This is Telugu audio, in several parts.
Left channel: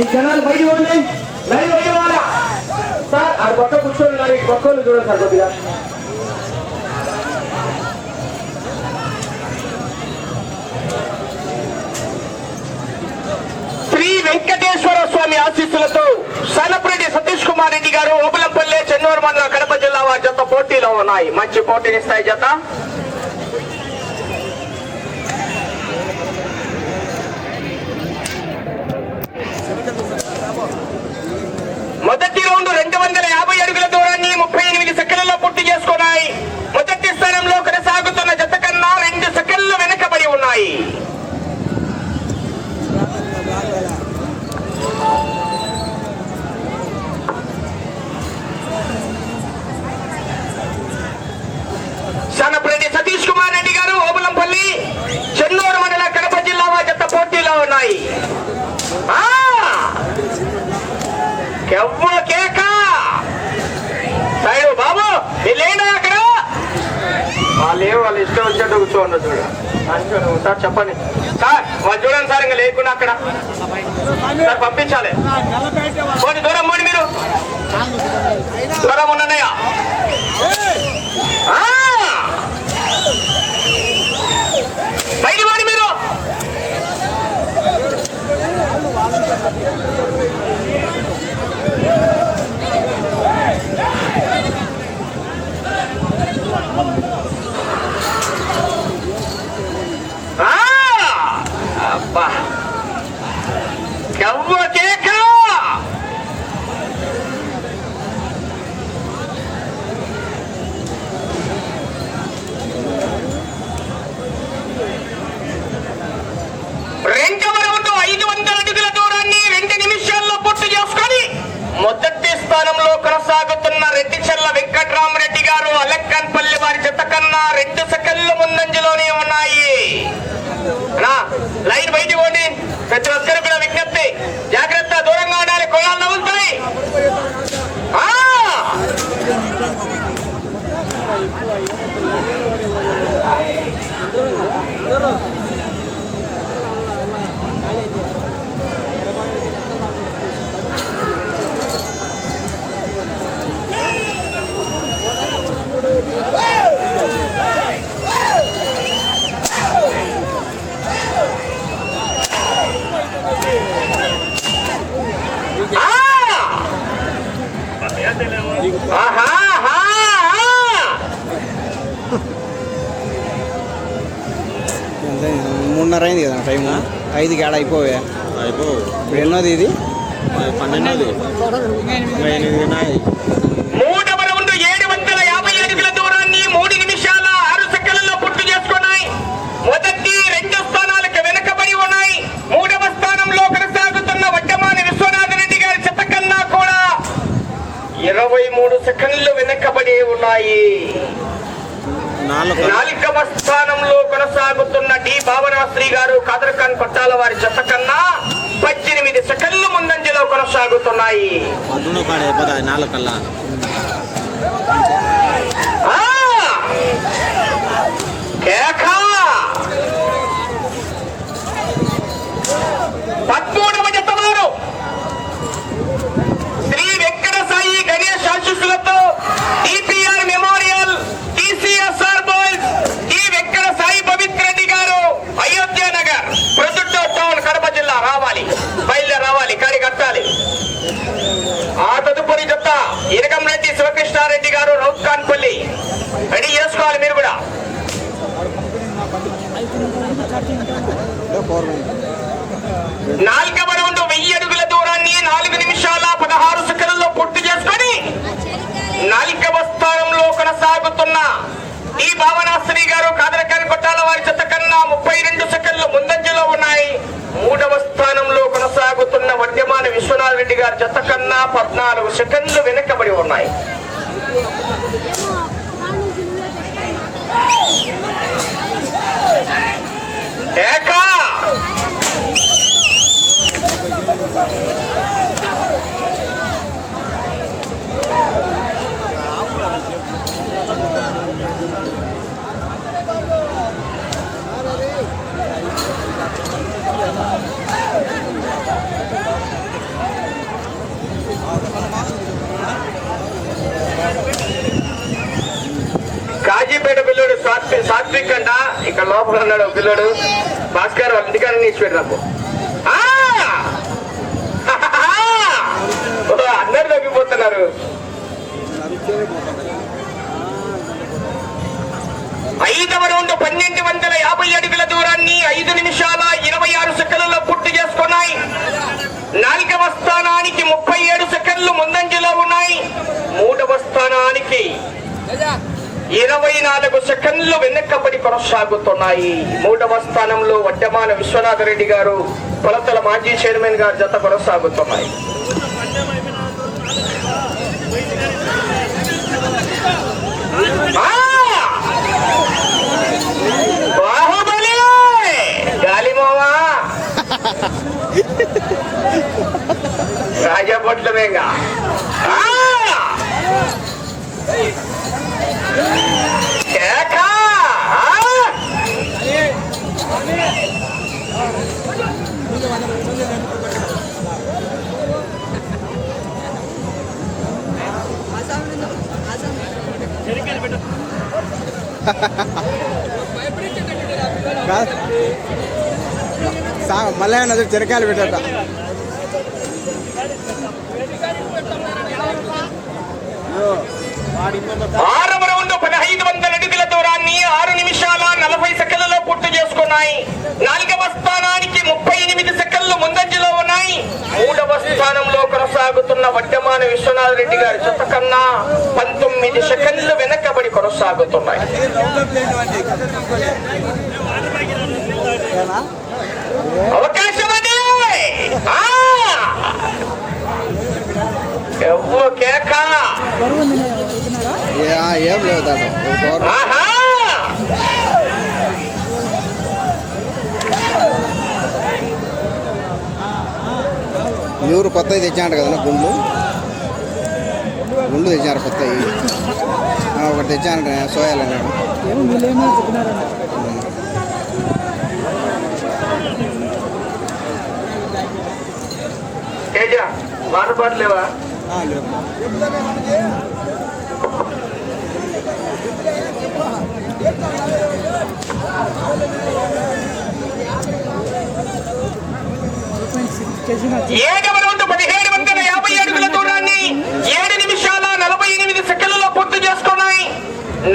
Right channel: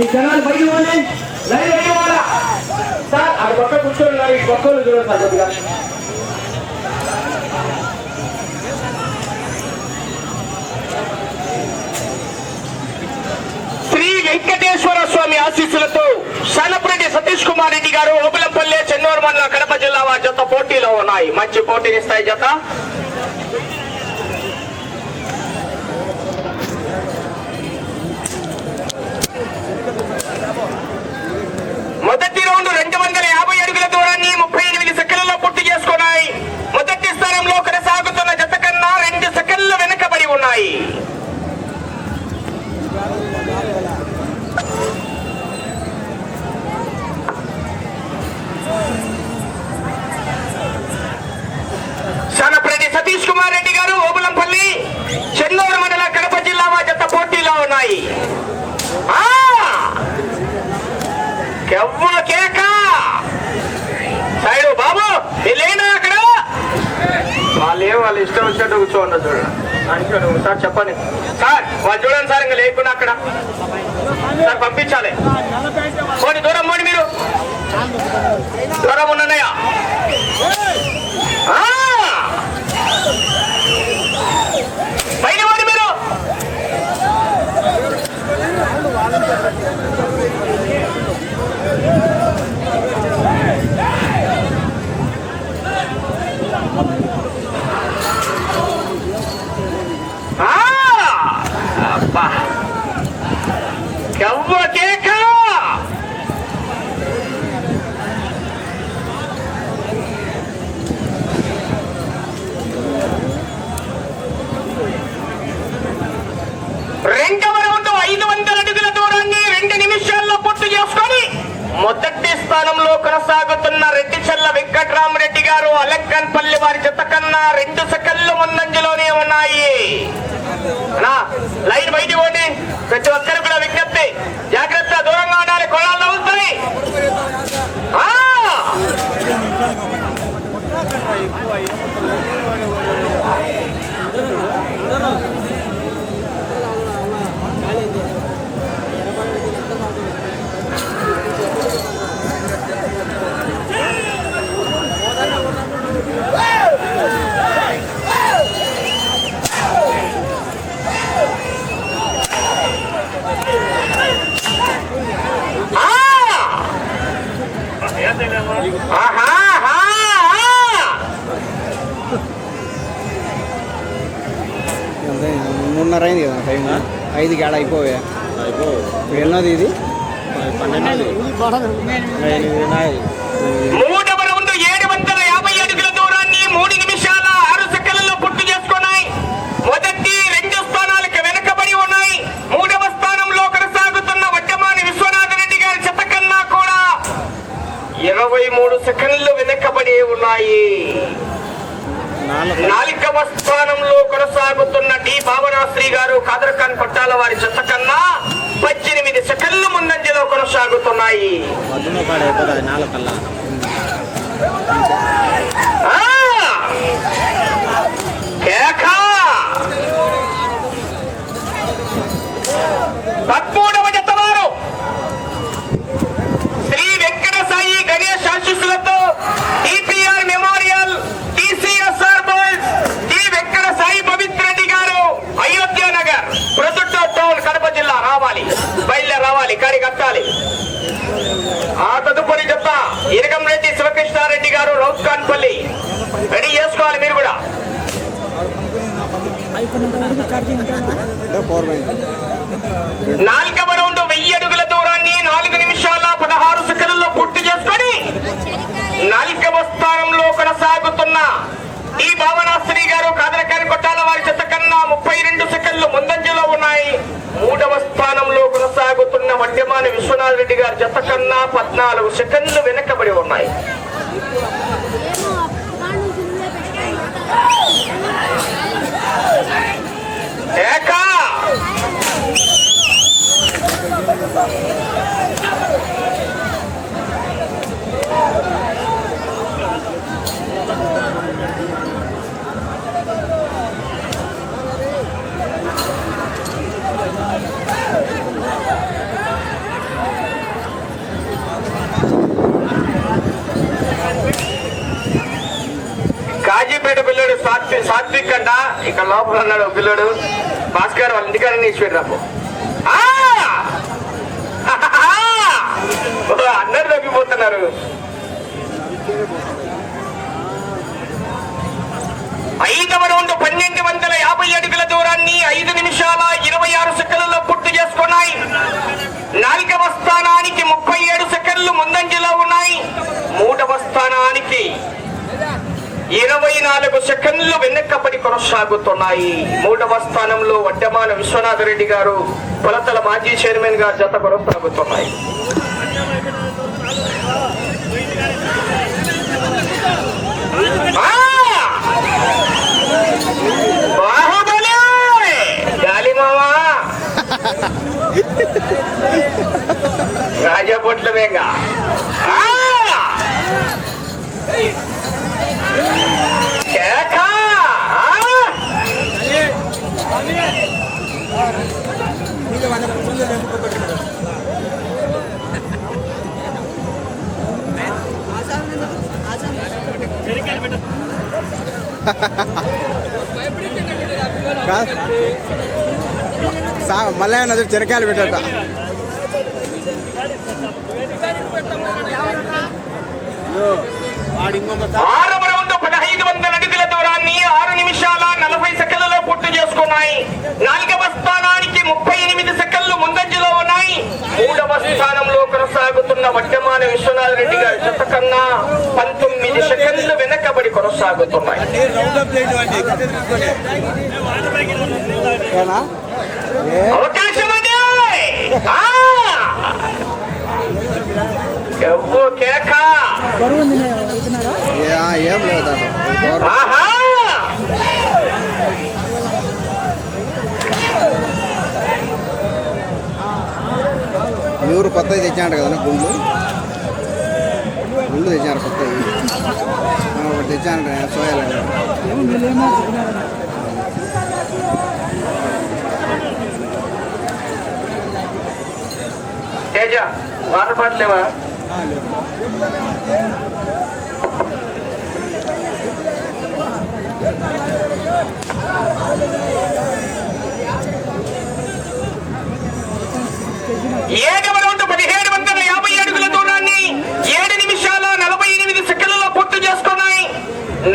ఈ జనాలు బయట పోండి, లైవ్ బయట పోవాలా సార్. అది పక్క కూర్చోండి, కొత్త చూడండి సార్ కొద్దిగా. శ్రీ వెంకటేశ్వర స్వామి ఆశీస్సులతో సెలబ్రిటీ సతీష్ కుమార్ రెడ్డి గారు ఓబులంపల్లి చెన్నూరు మండల కడప జిల్లా వారి జత పోటీలో ఉన్నాయి. మంచి పోటీనిస్తాయి జత. మొదటి రౌండ్ 250 అడుగుల దూరాన్ని 38 సెకండ్లలో పూర్తి చేసుకున్నాయి. మొదటి స్థానంలో కొనసాగుతున్న జత కన్నా 2 సెకండ్లు వెనుకబడి ఉన్నాయి. శానప్రెడ్డి సతీష్ కుమార్ రెడ్డి గారు ఓబులంపల్లి చెన్నూరు మండల కడప జిల్లా జత పోటీలో ఉన్నాయి. బాబు లేనా అక్కడ వాళ్ళు ఇష్టం వచ్చినట్టు కూర్చోండి. చూడండి సార్, చెప్పండి సార్. వాళ్ళు చూడండి సార్, ఇంకా లేకుండా అక్కడ సార్ పంపించాలి. కొన్ని దూరం పోండి, మీరు దూరం ఉన్నాయా? బయట పోండి మీరు. అబ్బా కేక. రెండవ రౌండ్ 500 అడుగుల దూరాన్ని 2 నిమిషాల్లో పూర్తి చేసుకొని మొదటి స్థానంలో కొనసాగుతున్న రెడ్డిచెర్ల వెంకట్రామరెడ్డి గారు అలంకన్పల్లి వారి జత కన్నా 2 సెకండ్ల ముందంజలోనే ఉన్నాయి. లైన్ బయట పోండి, ప్రతి ఒక్కరు కూడా విజ్ఞప్తి, జాగ్రత్త, దూరంగా ఉండాలి, కోణాల్లో ఉంటాయి. మూడున్నర అయింది కదా టైం. 5కి ఆడ అయిపోయా. ఇప్పుడు ఎన్నోది ఇది? 12. మూడవ రౌండ్ 750 అడుగుల దూరాన్ని 3 నిమిషాల 6 సెకండ్లలో పూర్తి చేసుకున్నాయి. మొదటి 2 స్థానాలకు వెనుకబడి ఉన్నాయి. 3వ స్థానంలో కొనసాగుతున్న వడ్డమాని విశ్వనాథరెడ్డి గారి చెత్త కన్నా కూడా 23 సెకండ్లు వెనుకబడి ఉన్నాయి. 4వ స్థానంలో కొనసాగుతున్న డి భావనాశ్రీ గారు కాదర్ఖాన్ పట్టాల వారి జత కన్నా 18 సెకండ్ల ముందంజలో కొనసాగుతున్నాయి. పద్మూడవ జత వారు శ్రీ వెంకట సాయి గణేష్ ఆశీస్సులతో TPR memorial TCSR boys D Venkata Sai Pavitra Reddy గారు అయోధ్య నగర్ ప్రొద్దుటూరు టౌన్ కడప జిల్లా రావాలి, బయలుదేరి రావాలి, కాడి కట్టాలి. ఆ తదుపరి చెప్తా ఇరగంరెడ్డి శివకృష్ణారెడ్డి గారు రౌత్కాన్పల్లి రెడీ చేసుకోవాలి మీరు కూడా. 4వ రౌండ్ 1000 అడుగుల దూరాన్ని 4 నిమిషాల 16 సెకండ్లలో పూర్తి చేసుకొని 4వ స్థానంలో కొనసాగుతున్న ఈ భావనాశ్రీ గారు కాదరకాని పట్టాల వారి జత కన్నా 32 సెకండ్లు ముందంజలో ఉన్నాయి. 3వ స్థానంలో కొనసాగుతున్న వడ్డమాని విశ్వనాథ్ రెడ్డి గారి జత కన్నా 14 సెకండ్లు వెనకబడి ఉన్నాయి. కొత్తపేట పిల్లడు సాత్విక్ అంట. ఇక్కడ లోపల ఉన్నాడు ఒక పిల్లడు భాస్కర్ వాళ్ళ ఇంటికాడ తీసిపెట్టాము. అందరు తగ్గిపోతున్నారు. 5వ రౌండ్ 1250 అడుగుల దూరాన్ని 5 నిమిషాల 26 సెకండ్లలో పూర్తి చేసుకున్నాయి. 4వ స్థానానికి 37 సెకండ్లు ముందంజలో ఉన్నాయి. 3వ స్థానానికి 24 సెకండ్లు వెనక్కబడి కొనసాగుతున్నాయి. 3వ స్థానంలో వడ్డమాన విశ్వనాథరెడ్డి గారు, కొలతల మాజీ చైర్మన్ గారు జత కొనసాగుతున్నాయి. బాహుబలి గాలిమావా రాజపొట్లమేగా మళ్ళీ చెరకాయలు పెట్టట. 6వ రౌండ్ 1500 అడుగుల దూరాన్ని 6 నిమిషాల 40 సెకండ్లలో పూర్తి చేసుకున్నాయి. 4వ స్థానానికి 38 సెకండ్లు ముందంజలో ఉన్నాయి. 3వ స్థానంలో కొనసాగుతున్న వడ్డమాన విశ్వనాథరెడ్డి గారి జత కన్నా 19 సెకండ్లు వెనకబడి కొనసాగుతున్నాయి. అవకాశం అది కేక ఏం లేదు. నూరు కొత్తవి తెచ్చాడు కదా గుండు తెచ్చారు. కొత్తవి ఒకటి తెచ్చాను సోయాలు. తేజ బాధపడలేవా? ఏడవ రౌండ్ 1750 అడుగుల దూరాన్ని 7 నిమిషాల 48 సెకండ్లలో పూర్తి చేసుకున్నాయి.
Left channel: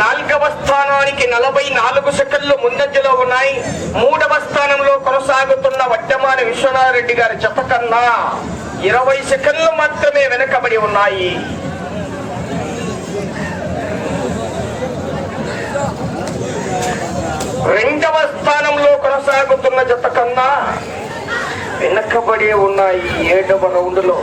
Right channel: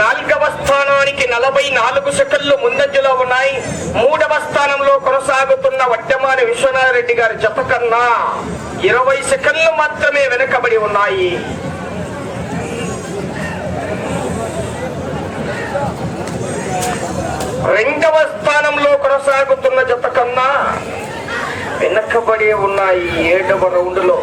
4వ స్థానానికి 44 సెకండ్లు ముందంజలో ఉన్నాయి. 3వ స్థానంలో కొనసాగుతున్న వడ్డమాన విశ్వనాథరెడ్డి గారి జత కన్నా 20 సెకండ్లు మాత్రమే వెనకబడి ఉన్నాయి. రెండవ స్థానంలో కొనసాగుతున్న జత కన్నా వెనకబడి ఉన్నాయి 7వ రౌండ్లో.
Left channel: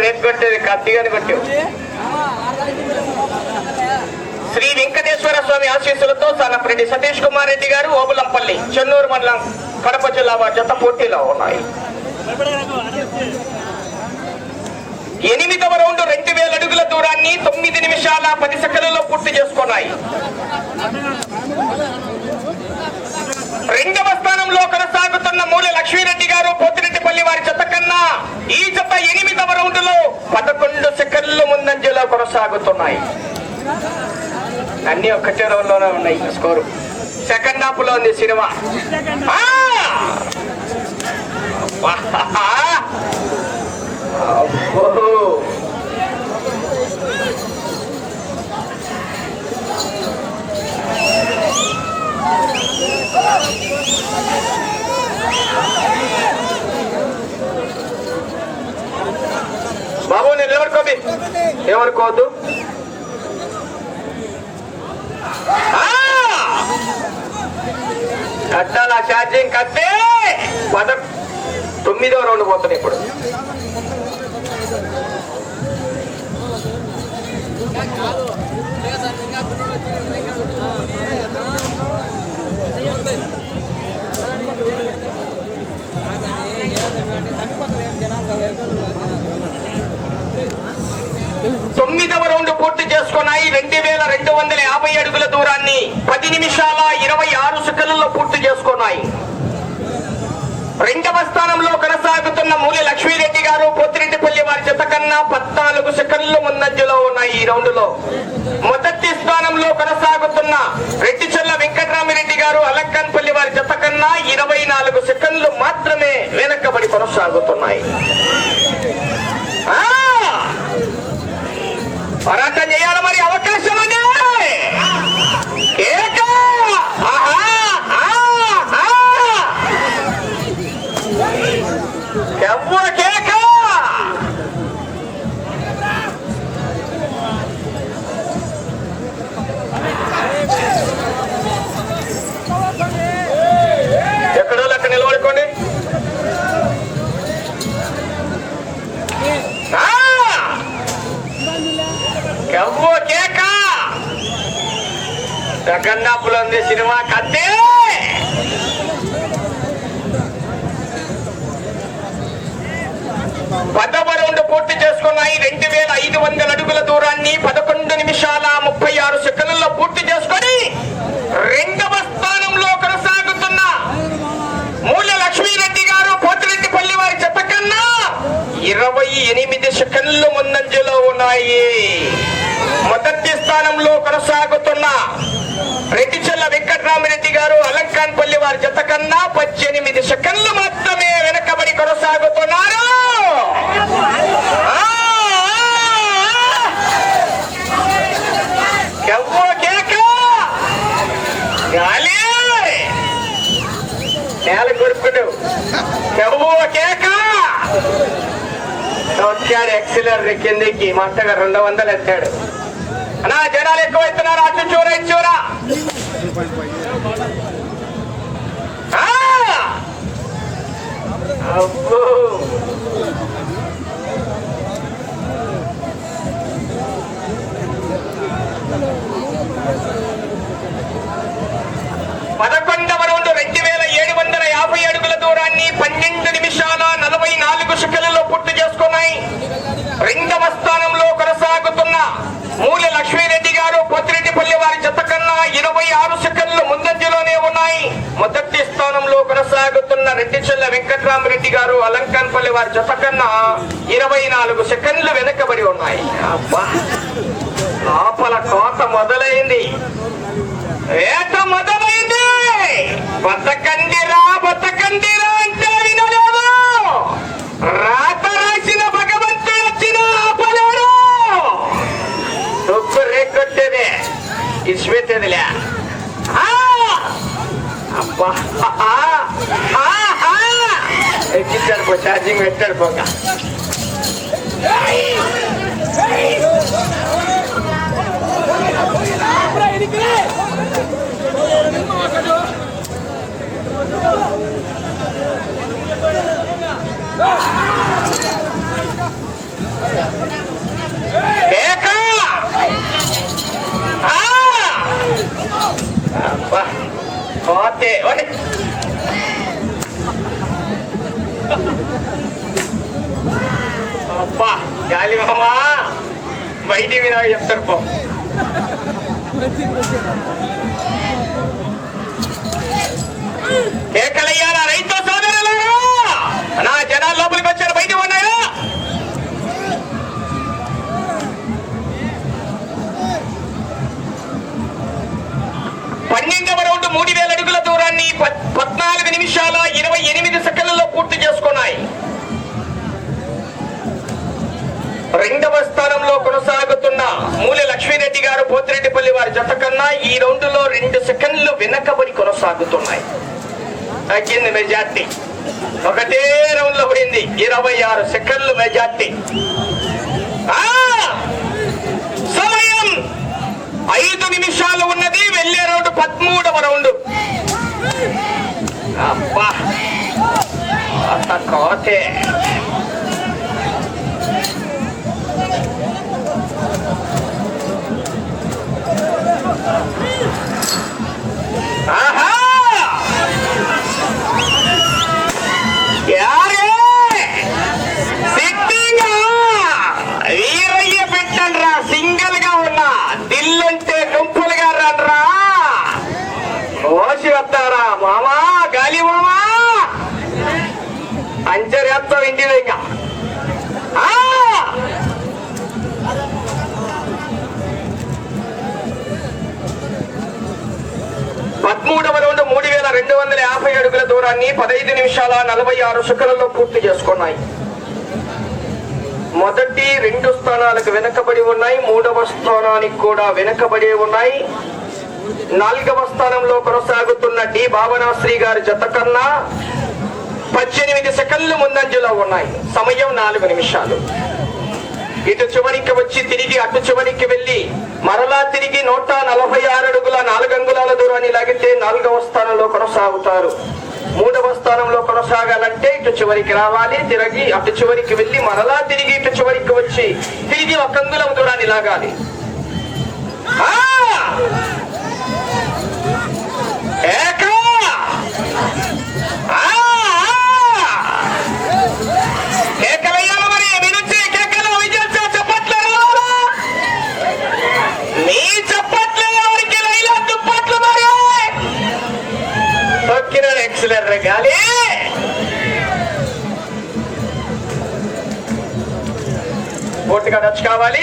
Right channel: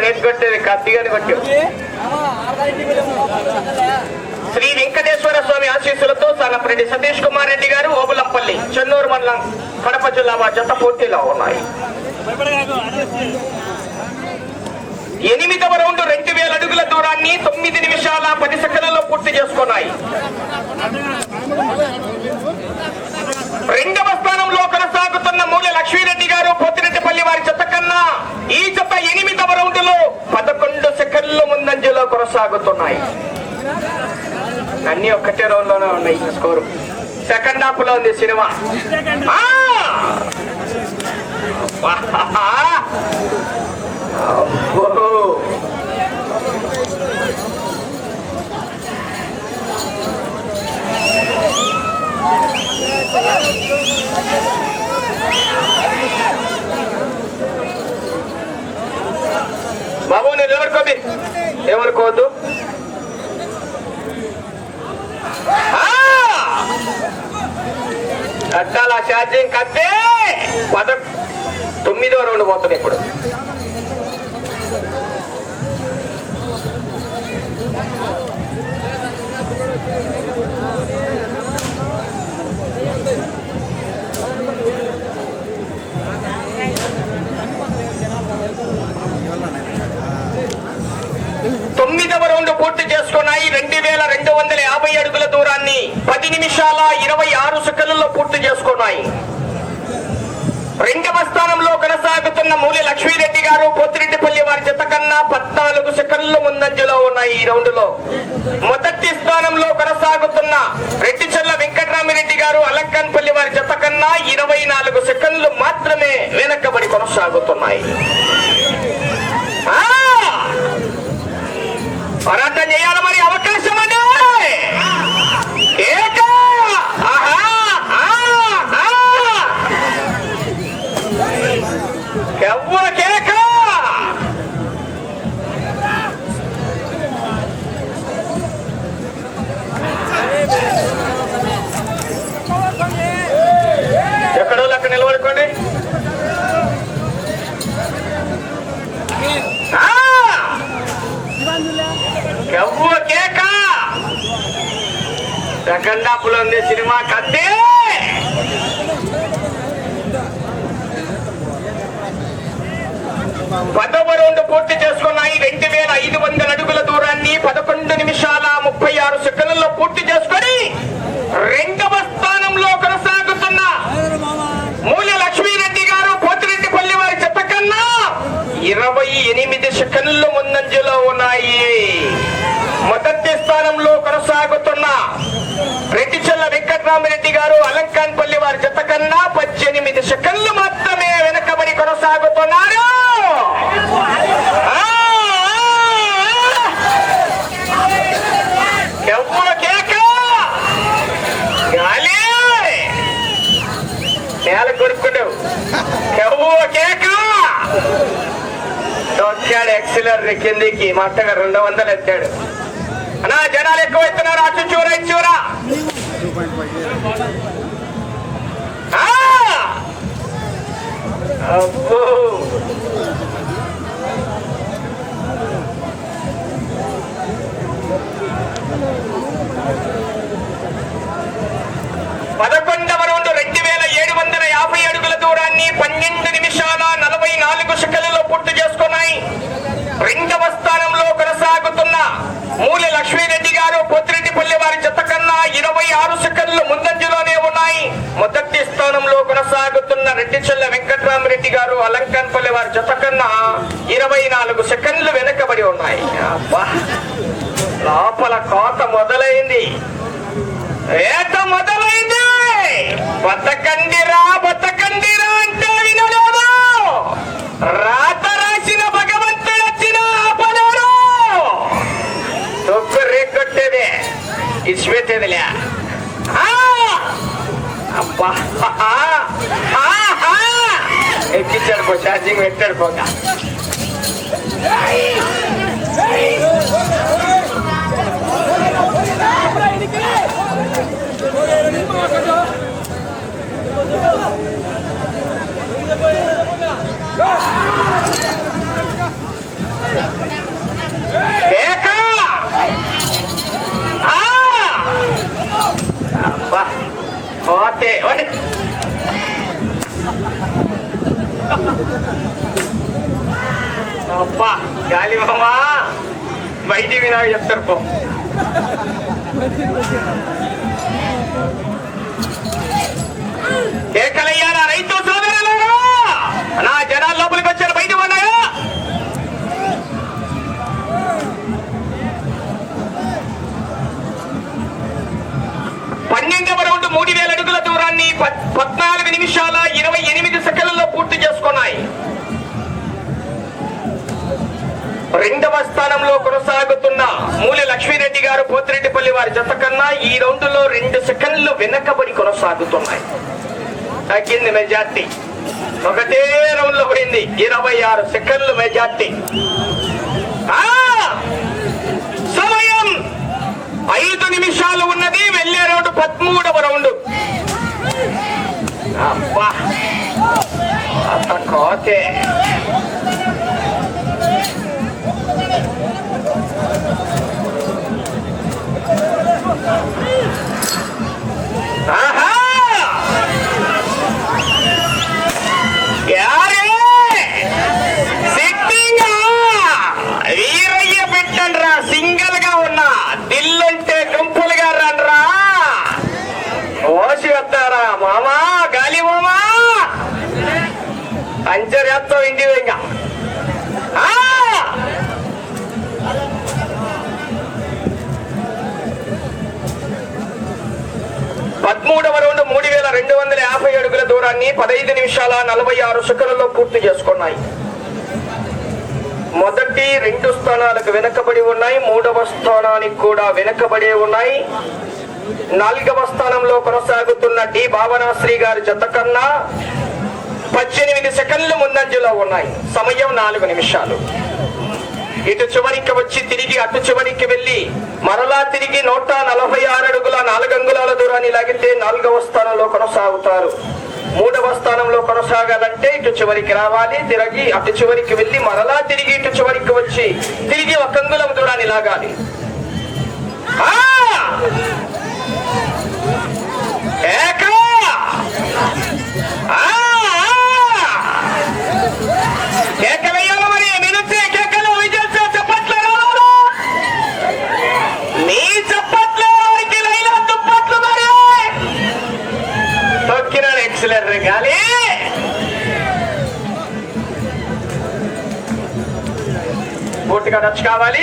రేట్ కొట్టేది కత్తిగాని కొట్టావు. శ్రీ వెంకటేశ్వర స్వామి ఆశీస్సులతో సానపరెడ్డి సతీష్ కుమార్ రెడ్డి గారు, ఓబులంపల్లి, చెన్నూరు మండలం, కడప జిల్లా జత పోటీలో ఉన్నాయి. 8వ రౌండ్ 2000 అడుగుల దూరాన్ని 9 నిమిషాల 10 సెకండ్లలో పూర్తి చేసుకున్నాయి. 2వ స్థానంలో కొనసాగుతున్న మూల లక్ష్మీరెడ్డి గారు, పోతిరెడ్డిపల్లి వారి జత కన్నా ఈ జత 8వ రౌండ్ లో 11 సెకండ్లు ముందంజలో కొనసాగుతున్నాయి. అన్ని ఒక్కటే రౌండ్ లోనే ఉన్నాయి. స్కోరు సెకండ్ హాఫ్ లో ఉంది సినిమా. బాబు నేను ఎవరుకోండి ఏమనుకోవద్దు. కట్టాల ఛార్జింగ్ కట్టే 9వ రౌండ్ పోతుంది ఇప్పుడు. 9వ రౌండ్ పూర్తి చేసుకున్నాయి. 2250 అడుగుల దూరాన్ని 10 నిమిషాల 26 సెకండ్లలో పూర్తి చేసుకున్నాయి. రెండవ స్థానంలో కొనసాగుతున్న మూలి లక్ష్మీరెడ్డి గారు పోతిరెడ్డిపల్లి వారి జత కన్నా 14 సెకండ్లు ముందంజలో ఉన్నాయి. ఈ రౌండ్ లో మొదటి స్థానంలో కొనసాగుతున్న రెడ్డిచెల్ల వెంకటరామిరెడ్డి గారు అలంకన్పల్లి వారి జత కన్నా 24 సెకండ్లు మాత్రమే వెనకబడి కొనసాగుతున్నాయి. పోరాటం చేయాలి మరి, అవకాశం అండి. ఎక్కడో అక్కడ నిలబడుకోండి. సెకండాపులో ఉంది సినిమా కత్తే. పదవ రౌండ్ పూర్తి చేసుకున్నాయి. 2500 అడుగుల దూరాన్ని 11 నిమిషాల 36 సెకండ్లలో పూర్తి చేసుకొని రెండవ స్థానంలో కొనసాగుతున్న మూల లక్ష్మీరెడ్డి గారు పోతిరెడ్డిపల్లి వారి జత కన్నా 28 సెకండ్లు ముందంజలో ఉన్నాయి. మొదటి స్థానంలో కొనసాగుతున్న రెడ్డిచెల్ల వెంకటరామిరెడ్డి గారు అలంకాన్పల్లి వారి జత కన్నా 18 సెకండ్లు మాత్రమే వెనకబడి కొనసాగుతున్నారు. నేల కొడుకుడు తొక్కాడు ఎక్సిలర్ కిందికి మట్టగా 200 ఎత్తాడు. అన్నా జనాలు ఎక్కువ ఎత్తున్నారు. అటు చూరా ఇటు చూరా. అబ్బో పదకొండవ రౌండ్ 2750 అడుగుల దూరాన్ని 12 నిమిషాల 44 సెకండ్లలో పూర్తి చేసుకున్నాయి. రెండవ స్థానంలో కొనసాగుతున్న మూలి లక్ష్మీరెడ్డి గారు పోతిరెడ్డిపల్లి వారి జత కన్నా 26 సెకండ్లు ముందంజలోనే ఉన్నాయి. మొదటి స్థానంలో కొనసాగుతున్న రెడ్డిచెల్ల వెంకటరామిరెడ్డి గారు అలంకాన్పల్లి వారి జత కన్నా 24 సెకండ్లు వెనకబడి ఉన్నాయి. లోపల కోత మొదలైంది, ఏట మొదలైంది. బతకండిరా బతకండిరా అంటే వినలేదు. రాత రాసిన భగవంతుడు వచ్చిన ఆపలేడు. తొక్కు రేకొట్టేదే ఇచ్చిపెట్టేదిలే. అబ్బా ఎక్కించాడు పో, ఛార్జింగ్ పెట్టాడు పోగా. పోతే అబ్బా గాలి మామా బయటికి వినా చెప్తారు పో. కేకలయ్యారా రైతు సోదరులారా? నా జనాల లోపలికి వచ్చారు, బయట ఉన్నాయా? పన్నెండవ రౌండ్ 3000 అడుగుల దూరాన్ని 14 నిమిషాల 28 సెకండ్లలో పూర్తి చేసుకున్నాయి. రెండవ స్థానంలో కొనసాగుతున్న మూలి లక్ష్మీరెడ్డి గారు పోతిరెడ్డిపల్లి వారి జత కన్నా ఈ రౌండ్ లో 2 సెకండ్లు వెనకబడి కొనసాగుతున్నాయి. తగ్గింది మెజార్టీ, ఒకటే రౌండ్ లో పడింది. 26 సెకండ్లు మెజార్టీ. సమయం 5 నిమిషాలు ఉన్నది. వెళ్లే రౌండ్ 13వ రౌండ్. అబ్బా అంత కోతే. ఆహా యారే సిట్టింగ్ వీరయ్య పెట్టండి రా, సింగిల్ గా ఉన్నా దిల్లుంటే గుంపులుగా రండ్రా. ఓసి వస్తారా మామా, గాలి మామా అంచరేస్తాం ఇంటి ఇంకా 13వ రౌండ్ 3250 అడుగుల దూరాన్ని 15 నిమిషాల 46 సెకన్లలో పూర్తి చేసుకున్నాయి. మొదటి 2 స్థానాలకు వెనకబడి ఉన్నాయి, 3వ స్థానానికి కూడా వెనకబడి ఉన్నాయి. 4వ స్థానంలో కొనసాగుతున్న డి భావనాశ్రీ గారి జత కన్నా 18 సెకండ్లు ముందంజలో ఉన్నాయి. సమయం 4 నిమిషాలు. ఇటు చివరికి వచ్చి తిరిగి అటు చివరికి వెళ్లి మరలా తిరిగి 146 అడుగుల 4 అంగుళాల దూరాన్ని లాగితే 4వ స్థానంలో కొనసాగుతారు. 3వ స్థానంలో కొనసాగాలంటే ఇటు చివరికి రావాలి, తిరిగి అటు చివరికి వెళ్లి మరలా తిరిగి ఇటు చివరికి వచ్చి తిరిగి 1 అంగుళం దూరాన్ని లాగాలి. గాలి పూర్తిగా టచ్ కావాలి.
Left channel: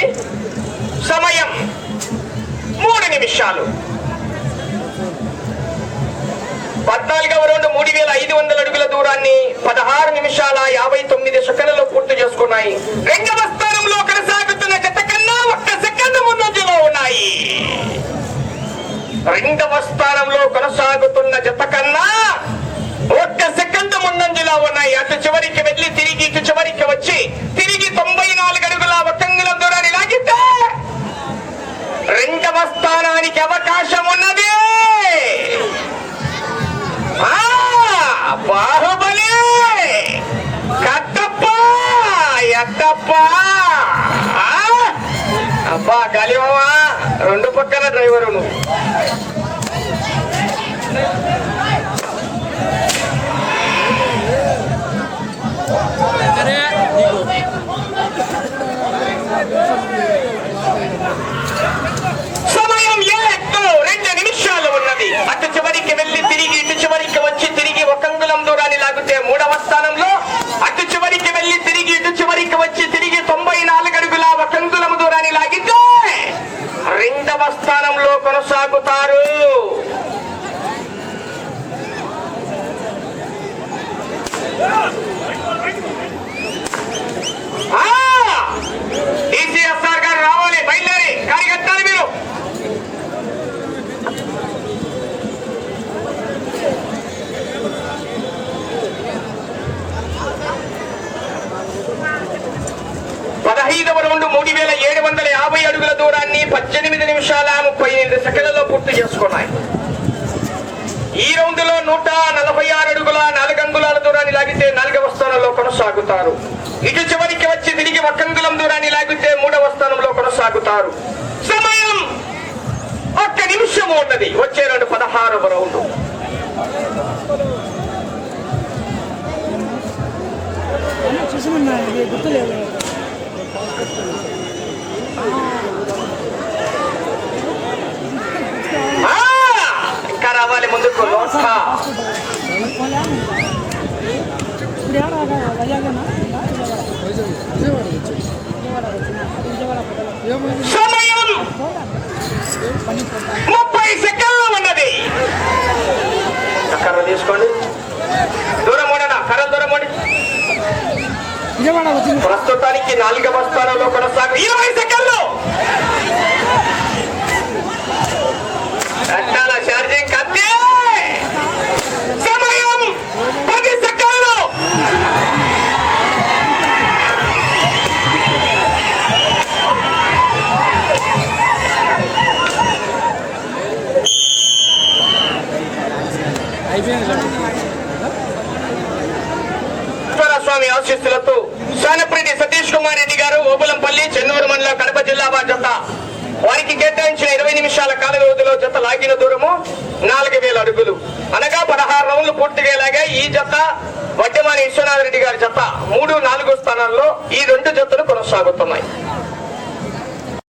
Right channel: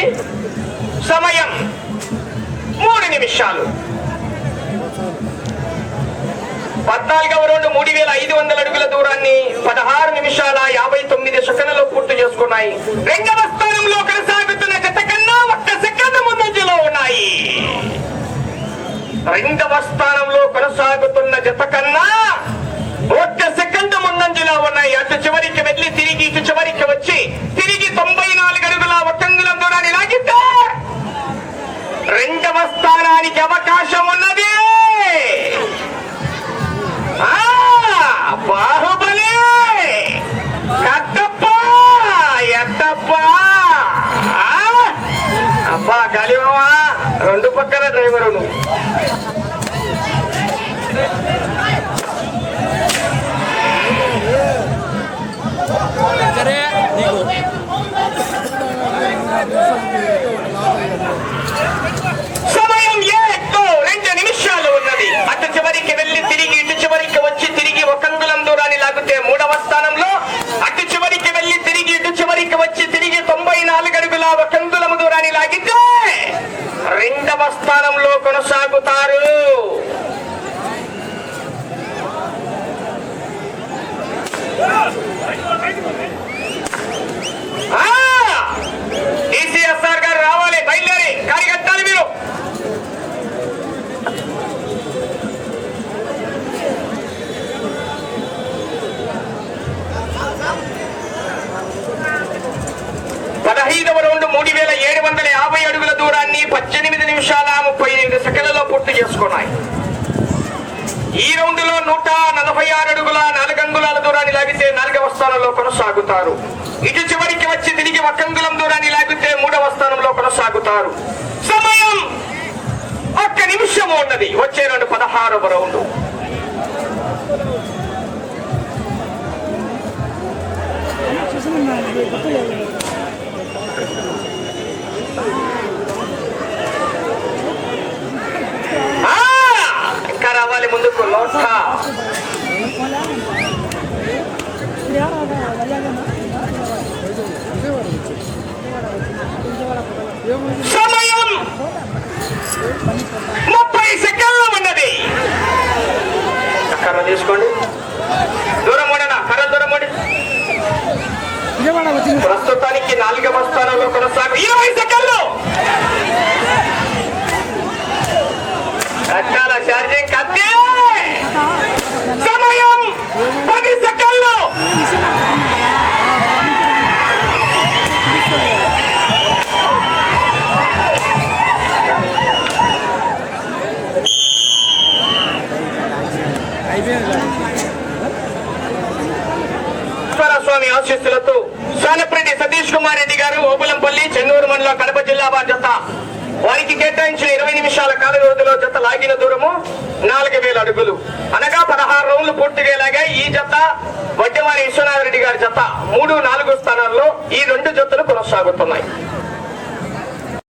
సమయం 3 నిమిషాలు. 14వ రౌండ్ 3500 అడుగుల దూరాన్ని 16 నిమిషాల 59 సెకన్లలో పూర్తి చేసుకున్నాయి. 2వ స్థానంలో కొనసాగుతున్న జత కన్నా 1 సెకండ్ ముందంజలో ఉన్నాయి. 2వ స్థానంలో కొనసాగుతున్న జత కన్నా 1 సెకండ్ ముందంజలో ఉన్నాయి. అటు చివరికి వెళ్లి తిరిగి ఇటు చివరికి వచ్చి తిరిగి 94 అడుగుల 1 అంగుళం దూరాన్ని లాగితే 2వ స్థానానికి అవకాశం ఉన్నది. బాహుబలి కట్టప్ప ఎట్టప్ప అబ్బా గాలిమావా 2 పక్కల డ్రైవరు నువ్వు. సమయం 2 నిమిషాలు ఉన్నది. అటు చివరికి వెళ్లి తిరిగి ఇటు చివరికి వచ్చి తిరిగి 1 అంగుళం దూరాన్ని లాగితే 3వ స్థానంలో, అటు చివరికి వెళ్లి తిరిగి ఇటు చివరికి వచ్చి తిరిగి 94 అడుగుల 1 అంగుళం దూరాన్ని లాగితే 2వ స్థానంలో కొనసాగుతారు. DCSR గారు రావాలి, బయలుదేరి కార్యకర్తలు మీరు. రౌండ్ 3750 అడుగుల దూరాన్ని 18 నిమిషాల 38 సెకండ్లలో పూర్తి చేసుకున్నాయి. ఈ రౌండ్ లో 146 అడుగుల 4 అంగుళాల దూరాన్ని లాగితే 4వ స్థానంలో కొనసాగుతారు. ఇటు చివరికి వచ్చి తిరిగి 1 అంగుళం దూరాన్ని లాగితే 3వ స్థానంలో కొనసాగుతారు. సమయం 1 నిమిషం ఉన్నది. వచ్చే రౌండ్ 16వ రౌండ్. ఇంకా రావాలి ముందుకు. సమయం 30 సెకండ్లు ఉన్నది. కర్ర తీసుకోండి, దూరం ఉండనా, కర్ర దూరం ఉండి. ప్రస్తుతానికి 4వ స్థానంలో కొనసాగు 20 సెకండ్లు. కట్టాల ఛార్జింగ్ కత్తి. సమయం 10 సెకండ్లు. స్వామి ఆశీస్సులతో సానప్రెడ్డి సతీష్ కుమార్ రెడ్డి గారు, ఓబులంపల్లి, చెన్నూరు మండలం, కడప జిల్లా వారి జత. వారికి కేటాయించిన 20 నిమిషాల కాల వ్యవధిలో జత లాగిన దూరము 4000 అడుగులు, అనగా 16 రౌండ్లు పూర్తిగా లాగాయి. ఈ జత వడ్డెమాని విశ్వనాథ్ రెడ్డి గారి జత 3, 4 స్థానాల్లో ఈ 2 జతలు కొనసాగుతున్నాయి.